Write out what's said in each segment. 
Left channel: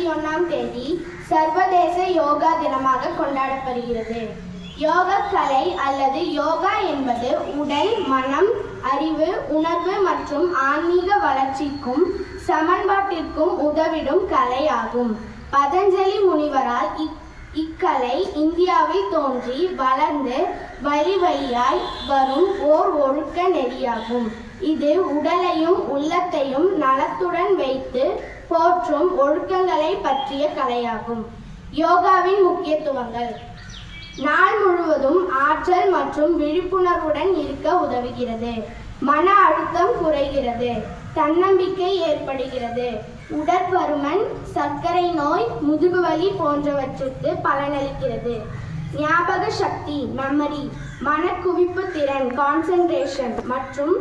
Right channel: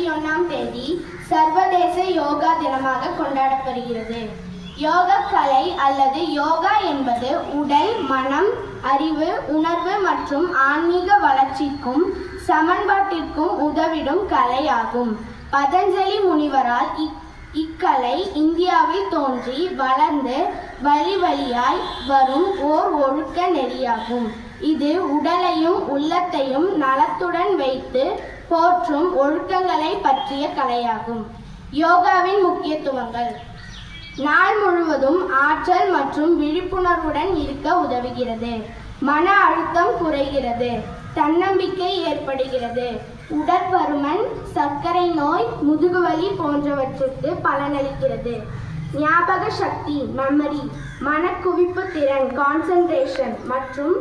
21ஆம் தேதி சர்வதேச யோகா தினமாக கொண்டாடப்படுகிறது. யோகக்கலை அல்லது யோகா என்பது உடல், மனம், அறிவு, உணர்வு மற்றும் ஆன்மீக வளர்ச்சிக்கும் சமன்பாட்டிற்கும் உதவிடும் கலை ஆகும். பதஞ்சலி முனிவரால் இக்கலை இந்தியாவில் தோன்றி வளர்ந்து வழி வழியாய் வரும் ஓர் ஒழுக்க நெறியாகும். இது உடலையும் உள்ளத்தையும் நலத்துடன் வைத்து போற்றும் ஒழுக்கங்களை பற்றிய கலையாகும். யோகாவின் முக்கியத்துவங்கள்: நாள் முழுவதும் ஆற்றல் மற்றும் விழிப்புணர்வுடன் இருக்க உதவுகிறது. மன அழுத்தம் குறைகிறது. தன்னம்பிக்கை ஏற்படுகிறது. உடற்பருமன், சர்க்கரை நோய், முதுகுவலி போன்றவற்றுக்கு பலனளிக்கிறது. ஞாபக சக்தி, மெமரி, மனக்குவிப்பு திறன், கான்சென்ட்ரேஷன் மற்றும்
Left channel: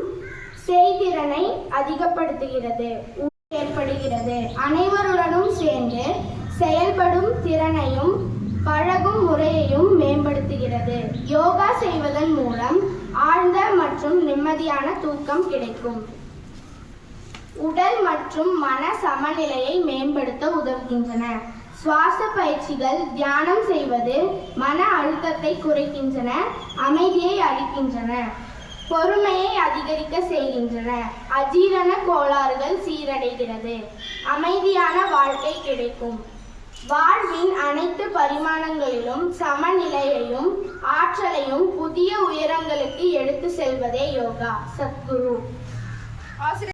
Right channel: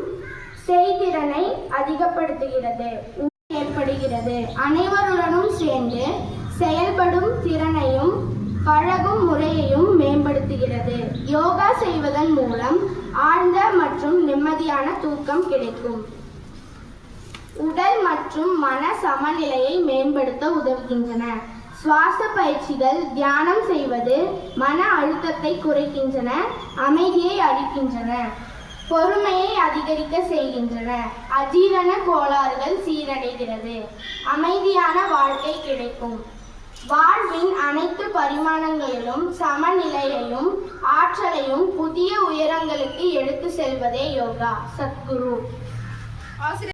செய்திறனை அதிகப்படுத்துகிறது. ஏற்படுகிறது. அனைவருடனும் சேர்ந்து செயல்படும் திறனையும் பழகும் முறையையும் மேம்படுத்துகிறது. யோகா செய்வதன் மூலம் ஆழ்ந்த மற்றும் நிம்மதியான தூக்கம் கிடைக்கும். உடல் மற்றும் மன சமநிலையை மேம்படுத்த உதவுகின்றன. சுவாச பயிற்சிகள், தியானம் செய்வது மன அழுத்தத்தை குறைக்கின்றன, அமைதியை அளிக்கின்றன, பொறுமையை அதிகரிக்க செய்கின்றன. அஜீரண கோளாறுகள் சீரடைகிறது. அமைதியான வாழ்க்கை கிடைக்கும். வாழ்வின் அனைத்து பரிமாணங்களிலும் சமநிலையையும் ஆற்றலையும் புதிய உயரங்களுக்கு எடுத்து செல்வதே யோகா. சத்குரு.